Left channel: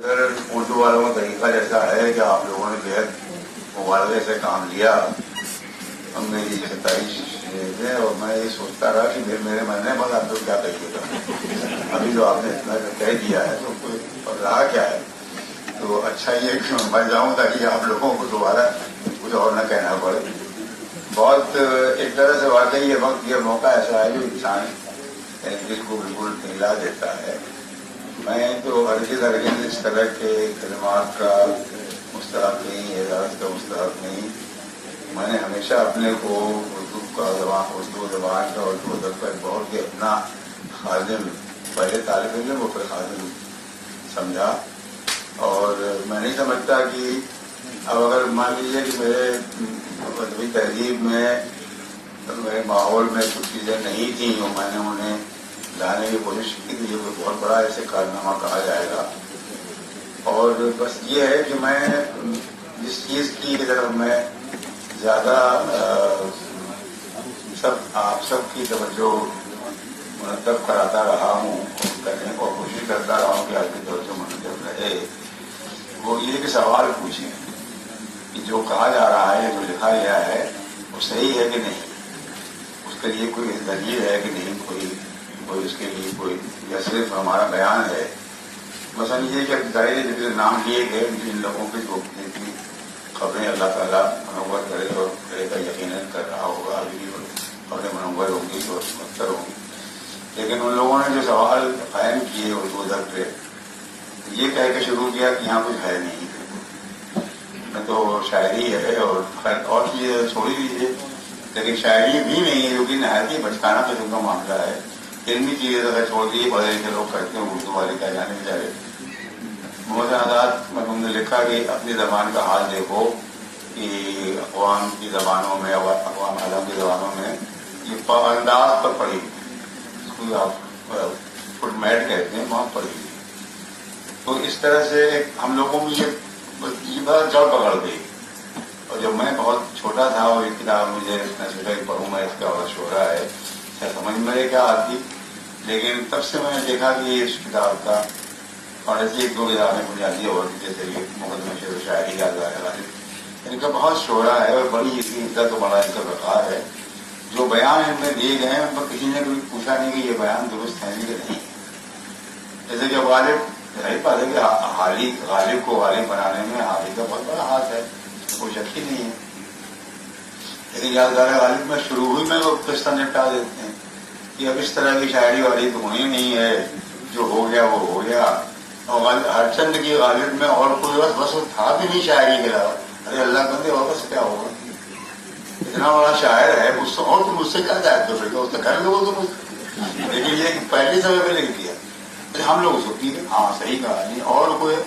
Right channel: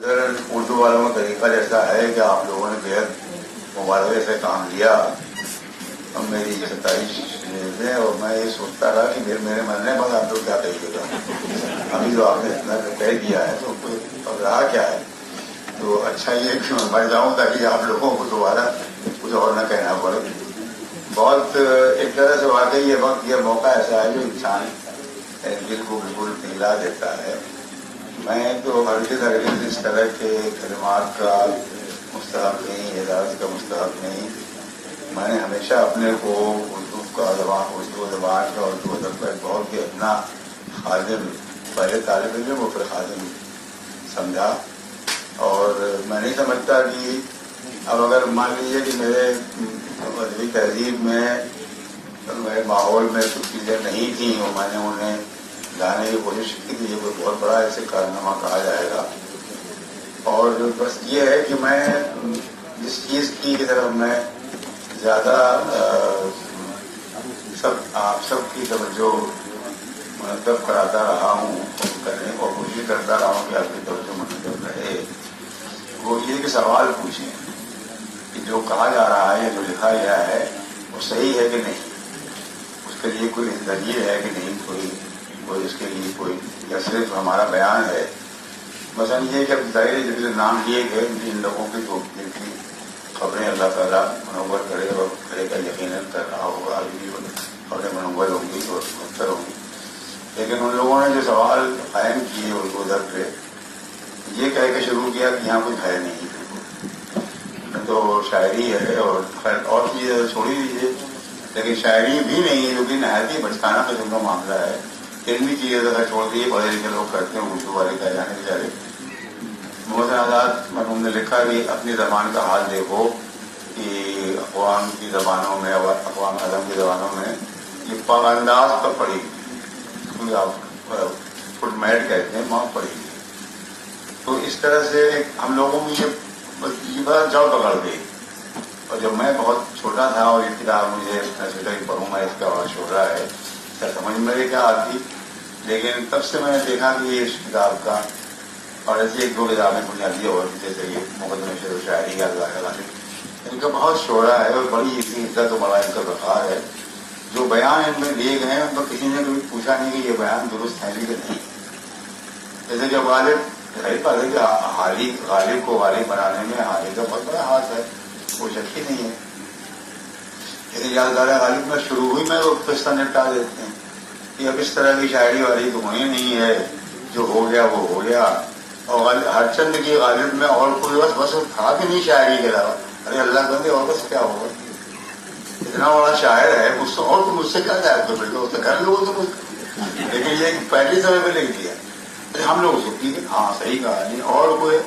اگر اردو والوں کا طریقہ ایسا ہے کہ آپ لوگوں نے جو ہے مبالغے سے کام لیا اور میری ستائش دیں اور میں یہ سوچتا رہا کہ میرے مرنے بعد آپ لوگ کیا کہیے گا. ابھی تو آپ نے اتنا کہہ دیا ہے تو کوئی رہا کیا ہے. تو اچھا یہ کہ میں مر جاؤں تاکہ آپ لوگوں کو دوبارہ کچھ اور نہ کہنا پڑے. بہت ایک طرح سے واقعی یہ وقت یہ موقع ایسا ہے جو انسان دل کو بالکل پگھلا دیتا ہے. میں تو ہرگز اس طرح کے کلمات کا مستحق نہیں، اعزاز کا مستحق نہیں. میں نے ہمیشہ اپنے کو اردو زبان کا اردو ادب کا بہت ہی اپنا خادم، پہلے طالب علم اور پھر خادم سمجھا. اور میں نہیں سمجھتا کہ اب اگر مان لیجیے کہ میرے ادبی تہذیب میں میرے ماحول میں کچھ چیزیں نہیں تھیں اور میں نے انہیں لانے کی کوشش کی تھی، یہ تو بہت بڑا ایسے کارنامہ کہا جائے گا. اور بس یہ ہے کہ میں جس چیز کی اگر میں زیادہ سب کی توجہ مرتب کراتا رہا ہوں کرنے کو کوشش کرتا رہا ہوں کہ آپ کی توجہ مرتب رہے، وہ یہ کہ سوال پوچھیں کہ جو کہا جا رہا ہے، جو لکھا گیا ہے وہ صحیح ہے کہ نہیں، اس کے لیے کوئی دلیل ہے کہ نہیں، کوئی اس کے لیے کوئی یا صرف ہمارا بیان ہے. مثلا یہ کہ ظاہر جب نام لیے گئے ان لوگوں کی کی خبریں اللہ تعالیٰ منور کرے اور کرے کا یقیناً کر رہا ہوگا، بھی خبریں منور ہوں گی اور مختر ہوں گی. لیکن ان لوگوں نے جو سوال قائم کیے اردو ادب پہ، یہ کہہ کے شروع کیا کہ یہاں کچھ ہے نہیں، تو شاعری ہے اور خیر اور چیزیں چھوڑی دیجیے، لیکن شاعری بھی نہیں ہے جو کہ نہایت ہی بچکانا قسم کا معاملہ ہے. علمی چیزیں ذرا چھوڑ دیے، پڑھے لکھے لوگ کرتے ہیں اردو والے کا جانے بیچارے. محسن آزاد میں نے لکھا کہ اپنی زبان کا حال دیکھو کہ اقوام کی زبانوں میں، اقوام اعظم کی زبانوں میں یہ انداز پر پڑھی گئی، آپ فٹ میٹ کہتے ہیں، وہاں پڑھی گئی. تو اس طرح سے ہم لوگوں میں یہ بڑا جڑ پکڑ گئی. اور جب میں بہت چھوٹا تھا اور یہ کتاب مجھے سوچا کہ پڑھوں گا، اس کا بڑا شعرا ہے، کیا سمجھ میں کیا آتی. لیکن تب سے میں نے دیکھا کہ یہ اس کتاب کا اور ایسی ایک دو کتابیں بنیادی ہوتی جیسے یہ مقدمہ شعر و شاعری کا ان کا بہت شعرا ہے اور بڑی اس کی عزت و بڑا ان کا وقار ہے. جو بیان ان میں دیے گئے ہیں تو کسی نے کبھی پوچھا نہیں کہ یہ بیان درست ہے کہ نہیں. جیسے کہ غالب ظاہر بات ہے کہ غالب کو غالب بنانے میں حالی کا بہت بڑا ہاتھ ہے، کوئی شک ہی نہیں ہے. لیکن یادگار غالب میں شروع ہوئی میں لوگ قصہ نپٹا دیتے ہیں کہ اب اس طرح کی شاعری والی تو وہی نہیں ہے، جو ہو گیا وہ ہو گیا. اور ہر چند کی غالب میں اور کوئی بس تھا بھی نہیں شاعری کے علاوہ. ارے اللہ بندے اور بس کیا ہوگا، اتنا بڑا شاعر ہے مجھ سے، اور تم مجھ سے کیا جائے تو اس سے کر لو تو. لیکن یہ پہلی سمے پہ لکھ دیا ہم لوگ سوچیں کہ ہاں صحیح کہا نہیں. اور کوئی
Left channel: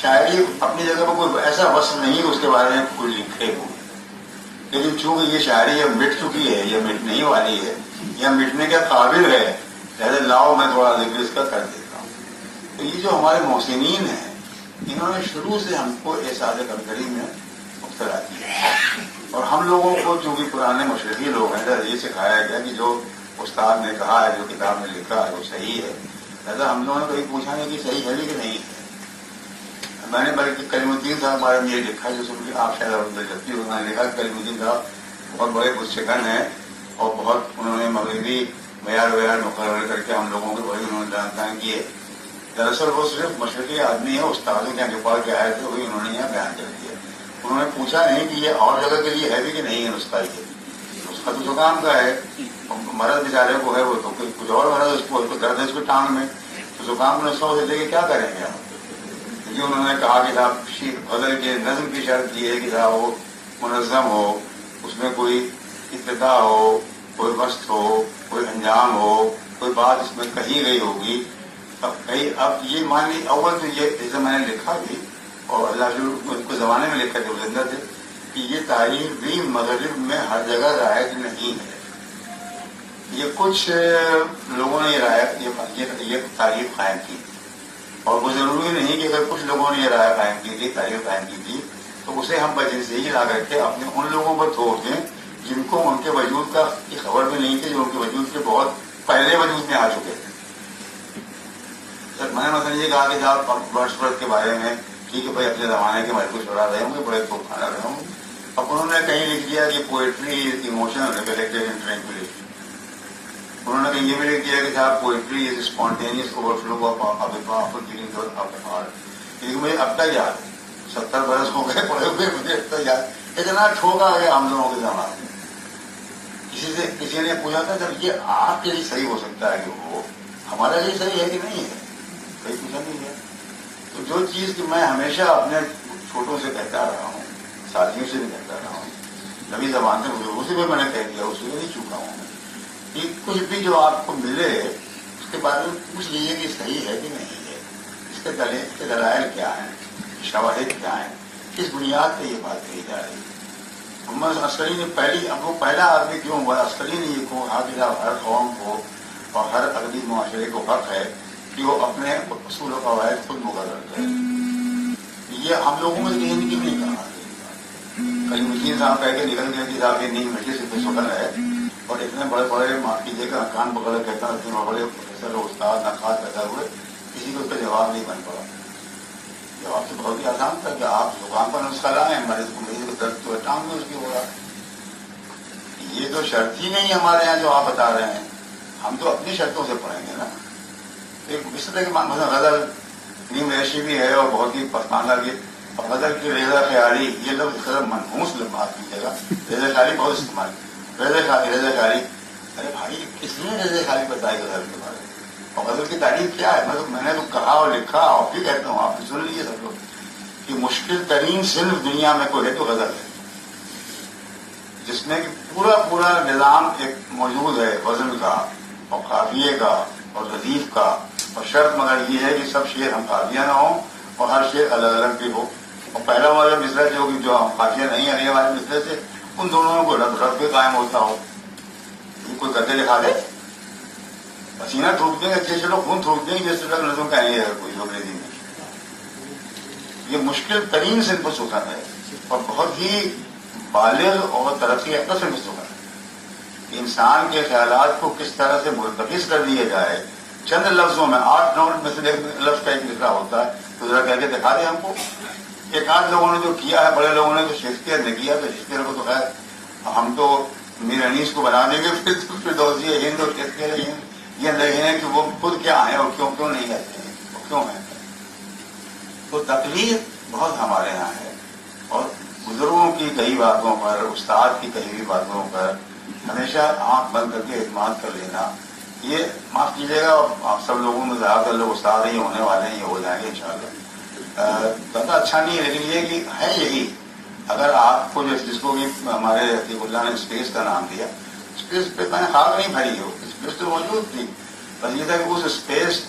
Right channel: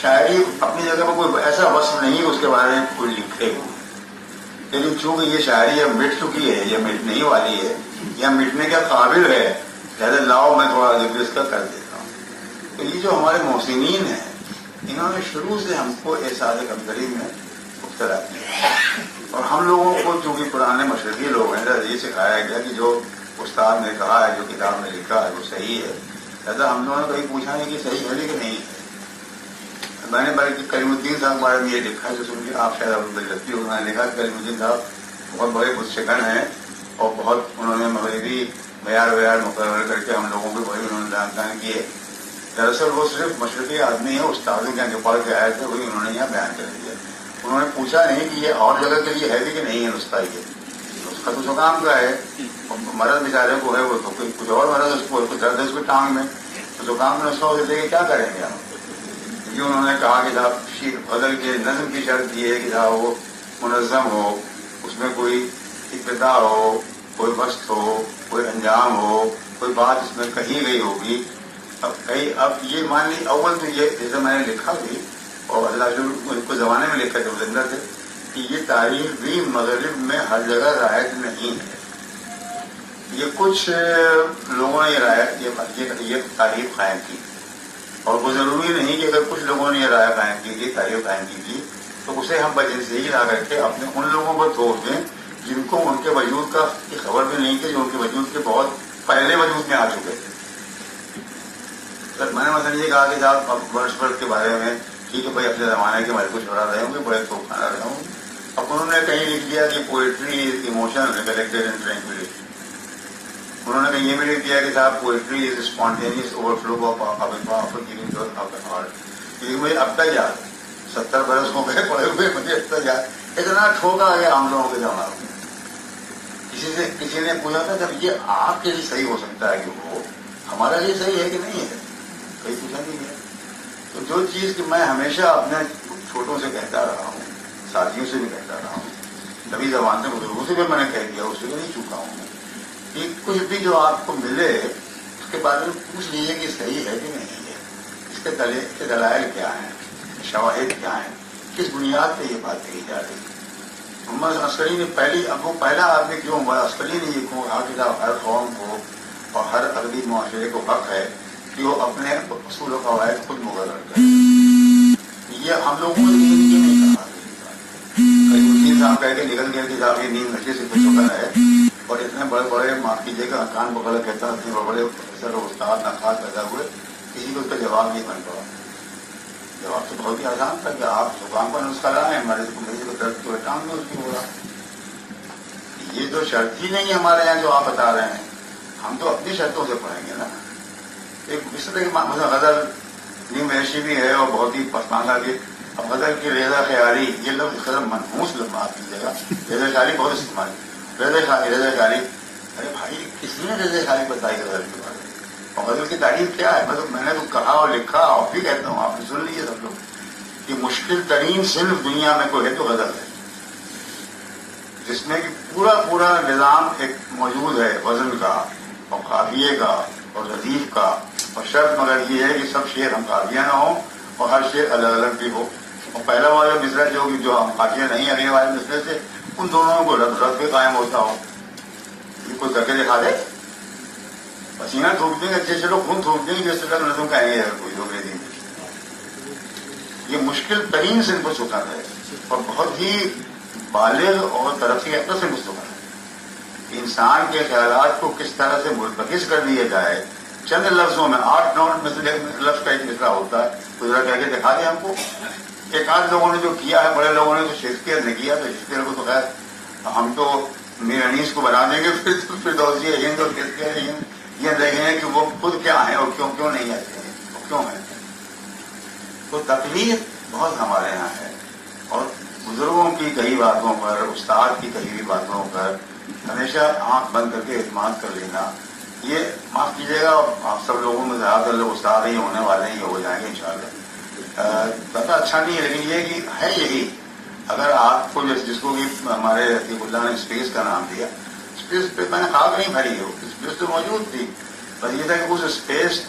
شاعری اپنی جگہ پر کوئی ایسا وصف نہیں اس کے بارے میں کوئی لکھے ہو. لیکن چونکہ یہ شاعری اب مٹ چکی ہے، یہ مٹنے والی ہے، یا مٹنے کے قابل ہے، لہٰذا لاؤ میں تھوڑا ذکر اس کا کر دیتا ہوں. تو یہ جو ہمارے محسنین ہیں انہوں نے شروع سے ہم کو احساس کمتری میں مبتلا کیا. اور ہم لوگوں کو چونکہ پرانے مشرقی لوگ ہیں یہ سکھایا گیا کہ جو استاد نے کہا ہے، جو کتاب نے لکھا ہے وہ صحیح ہے. لہٰذا ہم لوگوں نے کہیں پوچھا نہیں کہ صحیح ہے کہ نہیں. میں نے بلکہ کریم الدین صاحب بارے میں یہ لکھا ہے، جو کہ آپ شاید لگتی انہوں نے لکھا. کریم الدین صاحب بہت بڑے گستگن ہیں اور بہت انہوں نے مغربی معیار مقرر کر کے ہم لوگوں کو وہی انہوں نے بیان کیے. دراصل وہ صرف مشرقی آدمی ہے، استاد کے نیپال کے آئے تھے، وہی انہوں نے یہاں بیان کر دیا. انہوں نے پوچھا نہیں کہ یہ اور جگہ کے لیے ہے بھی کہ نہیں ہے نسخہ. یہ اس کا تو زکام کا ہے، مرض بیچارے کو ہے، وہ تو کچھ اور مرض اس کو درد ہے اس کے ٹانگ میں، زکام نسخہ ہو دیتے کیا کریں گے آپ. یہ انہوں نے کہا کہ صاحب شیر بدل کے نظم کی شرط یہ ہے کہ صاحب وہ منظم ہو، اس میں کوئی ابتدا ہو، کوئی وسط ہو، کوئی انجام ہو، کوئی بات اس میں کہی گئی ہوگی. اب یہ مان لی اول تو یہ جیسے میں نے لکھا بھی اور اللہ جو ان کو زمانے میں لکھا تھے زندہ تھے کہ یہ تاریخ بھی مغرب میں ہر جگہ رائج نہیں ہے. یہ کچھ لوگوں نے یہ تاریخ قائم کی اور وہ ضروری نہیں کہ اگر کچھ لوگوں نے یہ رائے قائم کی تھی، تاریخ قائم کی تھی، تو اسے ہم بجنسی ہی لا کر کے اپنے ان لوگوں پر چھوڑ دیں جن کو ان کے وجود کی خبر بھی نہیں تھی، جو ان کے وجود کے بہت پہلے وجود میں آ چکے تھے. میں نے مثلا یہ کہا کہ صاحب برڈ کے بارے میں ٹھیک ہے بھائی اپنے زمانے کے بارے کو چھوڑا رہے ہوں گے بڑے تو کھانا رہے ہوں گے. اب انہوں نے کہیں لکھ دیا کہ poetry is emotional recollected and tranquillity. انہوں نے کہیں یہ بھی لکھ دیا کہ صاحب poetry is spontaneous overflow of giving of heart. لیکن مجھے اب تک یاد 70 برس ہو گئے پڑے ہوئے, مجھے اب تک یاد اتنا ٹھوکا ہے ہم لوگوں کے زمانے میں. کسی نے پوچھا تھا جب یہ آپ کے لیے صحیح ہو سکتا ہے کہ وہ ہمارا لیے صحیح ہے کہ نہیں ہے, کہیں پوچھا نہیں ہے. تو جو چیز کہ میں ہمیشہ اپنے چھوٹوں سے کہتا رہا ہوں, ساتھیوں سے بھی کہتا رہا ہوں, نبی زبان سے بزرگوں سے بھی میں نے کہہ دیا, اس سے بھی نہیں چوکا ہوں کہ کچھ بھی جو آپ کو ملے اس کے بارے میں پوچھ لیجیے کہ صحیح ہے کہ نہیں ہے, اس کے دلائل کیا ہیں, شواہد کیا ہیں, کس بنیاد پہ یہ بات کہی جا رہی ہے. محمد عسکری نے پہلا آدمی کیوں ہوا, عسکری نے یہ کہا ہر قوم کو اور ہر عربی معاشرے کو حق ہے کہ وہ اپنے اصول و قواعد خود مقرر کرے. یہ ہم لوگوں نے نیند کی نہیں کہا. کئی مسلم صاحب کہہ کے نکل گئے کہ صاحب یہ نیند نشے سے کچھ ہوتا ہے, اور اتنے بڑے بڑے معاف کیجیے کہ افغان بغل کہتا ہے, اتنے بڑے پروفیسر استاد نقاد پیدا ہوئے, کسی کو اس کا جواب نہیں بن پڑا. جواب تو بہت ہی آسان تھا کہ آپ زبان پر نسخہ لائیں, ہمارے کو درد تو کام میں اس کی ہو رہا. یہ جو شرط ہی نہیں ہمارے یہاں جو آپ بتا رہے ہیں, ہم تو اپنی شرطوں سے پڑھیں گے نا. ایک اس طرح کی غزل نیم ایشی بھی ہے اور بہت ہی پسماندہ بھی. اب غزل کی ریزا خیالی, یہ لفظ خرم منحوس بات کیجیے گا, ریزا خیالی بہت استعمال کی. ریزا خیالی, ارے بھائی کس نے ریزا خیالی بتائی غزل کے بارے میں, اور غزل کی تعریف کیا ہے. مطلب میں نے تو کہا اور لکھا اور بھی کہتا ہوں, آپ نے سن لیجیے سب لوگ, کہ مشکل ترین صنف دنیا میں کوئی ہے تو غزل ہے, جس میں پورا نظام ایک موجود ہے وزن کا اور قافیے کا اور ردیف کا, اور شرط مگر یہ ہے کہ سب شعر ہم قافیہ نہ ہوں اور ہر شعر الگ الگ بھی ہو. اور پہلا والا مصرع جو ہم قافیہ نہیں آنے والے مصرع سے ان دونوں کو رب بھی قائم ہوتا ہو. یہ کوئی کر کے دکھا دے, پسینہ تھوک دیں گے, اچھے سے لوگ خون تھوک دیں گے, جس سے نظم کا یہ ہے کوئی لوگ دیں گے. یہ مشکل ترین صنف سکھن ہے اور بہت ہی بالغ اور ترقی یافتہ سے سکھن ہے. انسان کے خیالات کو کس طرح سے مرتکز کر دیا جائے چند لفظوں میں, 8-9 میں سے ایک لفظ کا ایک مصرع ہوتا ہے, تو ذرا کہہ کے دکھا دیں ہم کو. ایک آدھ لوگوں نے جو کیا ہے, بڑے لوگوں نے تو شیکسپیئر نے کیا, تو شیکسپیئر کو تو خیر ہم تو میر انیس کو بنا دیں گے. پھر دوسری ہند اور شیکسپیئر یہ دیکھیں کہ وہ خود کیا ہیں اور کیوں نہیں آتے ہیں, کیوں ہیں. تو تکلیف بہت ہمارے یہاں ہے, اور بزرگوں کی کئی باتوں پر, استاد کی کئی ہوئی باتوں پر ہمیشہ آنکھ بند کر کے اعتماد کر لینا, یہ معاف کیجیے گا, آپ سب لوگوں میں زیادہ تر لوگ استاد ہی ہونے والے ہیں, یہ ہو جائیں گے انشاءاللہ. زیادہ اچھا نہیں ہے, لیکن یہ کہ ہے یہی. اگر آپ کو جس کو بھی ہمارے عطیف اللہ نے اسپیس کا نام دیا, اسپیس پہ میں نے خاک نہیں بھری ہو, اسپیس تو موجود تھی, بس یہ تھا کہ اس اسپیس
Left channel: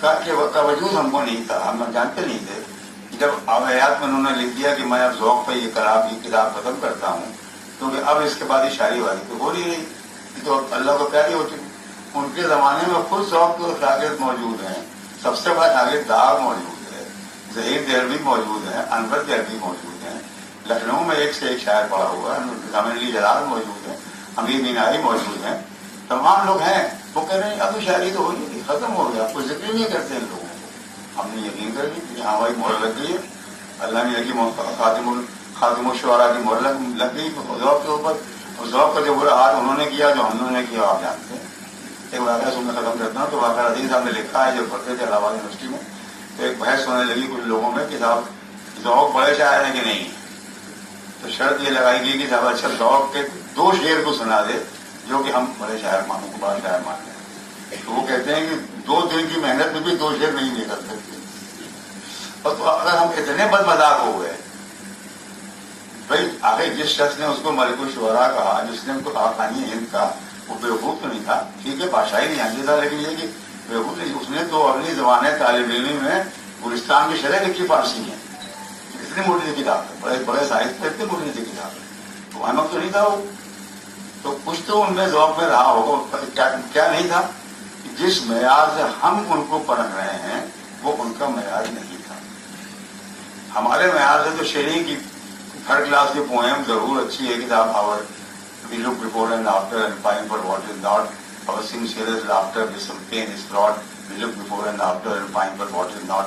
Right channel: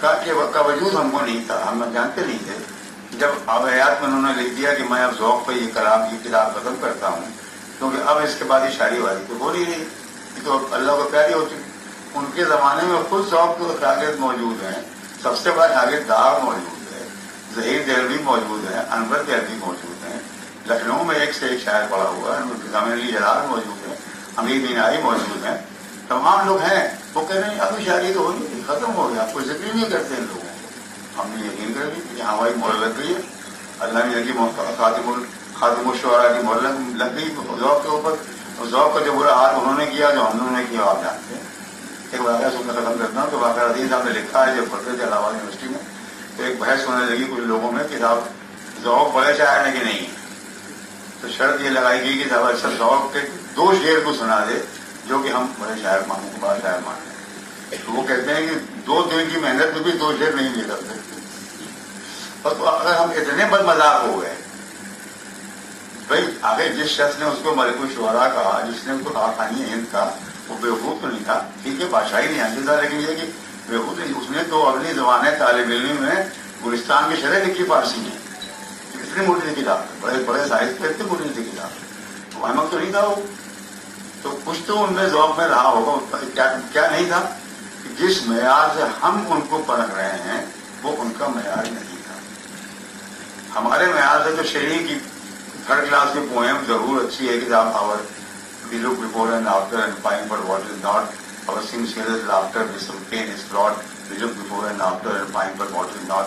کا وجود ہم کو نہیں تھا, ہم جانتے نہیں تھے. جب آبیات میں انہوں نے لکھ دیا کہ میں اب ذوق پہ یہ کتاب ختم کرتا ہوں, کیونکہ اب اس کے بعد یہ شاعری والی تو ہو نہیں رہی, یہ تو اللہ کو پیاری ہو چکی. ان کے زمانے میں خود ذوق کے شاگرد موجود ہیں, سب سے بڑا شاگرد داغ موجود ہے, ظہیر دہلوی موجود ہے, انور دہلوی موجود ہیں, لکھنؤ میں ایک سے ایک شاعر پڑا ہوا ہے, ضامن علی جلال موجود ہے, امیر مینائی موجود ہیں, تمام لوگ ہیں. وہ کہہ رہے ہیں ابھی شاعری تو ہو نہیں تھی, ختم ہو گیا, کوئی ذکر نہیں کرتے ان لوگوں کو. ہم نے یقین کر لی کہ ہماری مہر لگ گئی ہے, اللہ نے لگی خاتم الشعراء کی مہر لگ گئی ذوق کے اوپر. اور ذوق کا جو برا حال انہوں نے کیا, جو ہم نے کیا, آپ جانتے ہیں. ایک واقعہ سن میں ختم کرتا ہوں. تو واقعہ عزیز صاحب نے لکھا ہے, جو پڑھتے تھے الہ آباد یونیورسٹی میں, تو ایک بحث ہونے لگی کچھ لوگوں میں کہ صاحب ذوق بڑے شاعر ہیں کہ نہیں. تو شرط یہ لگائی گئی کہ صاحب اچھا ذوق کے 2 شعر کو سنا دے جو کہ ہم بڑے شاعر مانتے, بڑا شاعر مانتے ہیں. تو وہ کہتے ہیں کہ 2 دن کی محنت میں بھی 2 شعر نہیں لے سکتے. تو اگر ہم اتنے بد مذاق ہو گئے, بھائی آگے جس شخص نے اس کو ملک الشعراء کہا, جس نے ان کو کہانی ہند کا, وہ بیوقوف تو نہیں تھا, ٹھیک ہے بادشاہی نہیں آتی تھا, لیکن یہ کہ بیوقوف نہیں, اس نے تو اپنی زبان طالب علم میں گلستان کی شرح لکھی فارسی میں. کتنی موٹی کتاب, بڑے بڑے سائز پہ اتنی موٹی کتاب, تو احمد تو نہیں تھا وہ. تو کچھ تو ان میں ذوق میں رہا ہوگا, کیا نہیں تھا, جس معیار سے ہم ان کو پرکھ رہے ہیں وہ ان کا معیار نہیں تھا. ہمارے معیار سے تو شعری کی 3rd کلاس کی پوئم ضرور اچھی ہے کہ our we look before and after and find for what is not, اور sincere is laughter with some pain is brought, look before and after and find but what is not,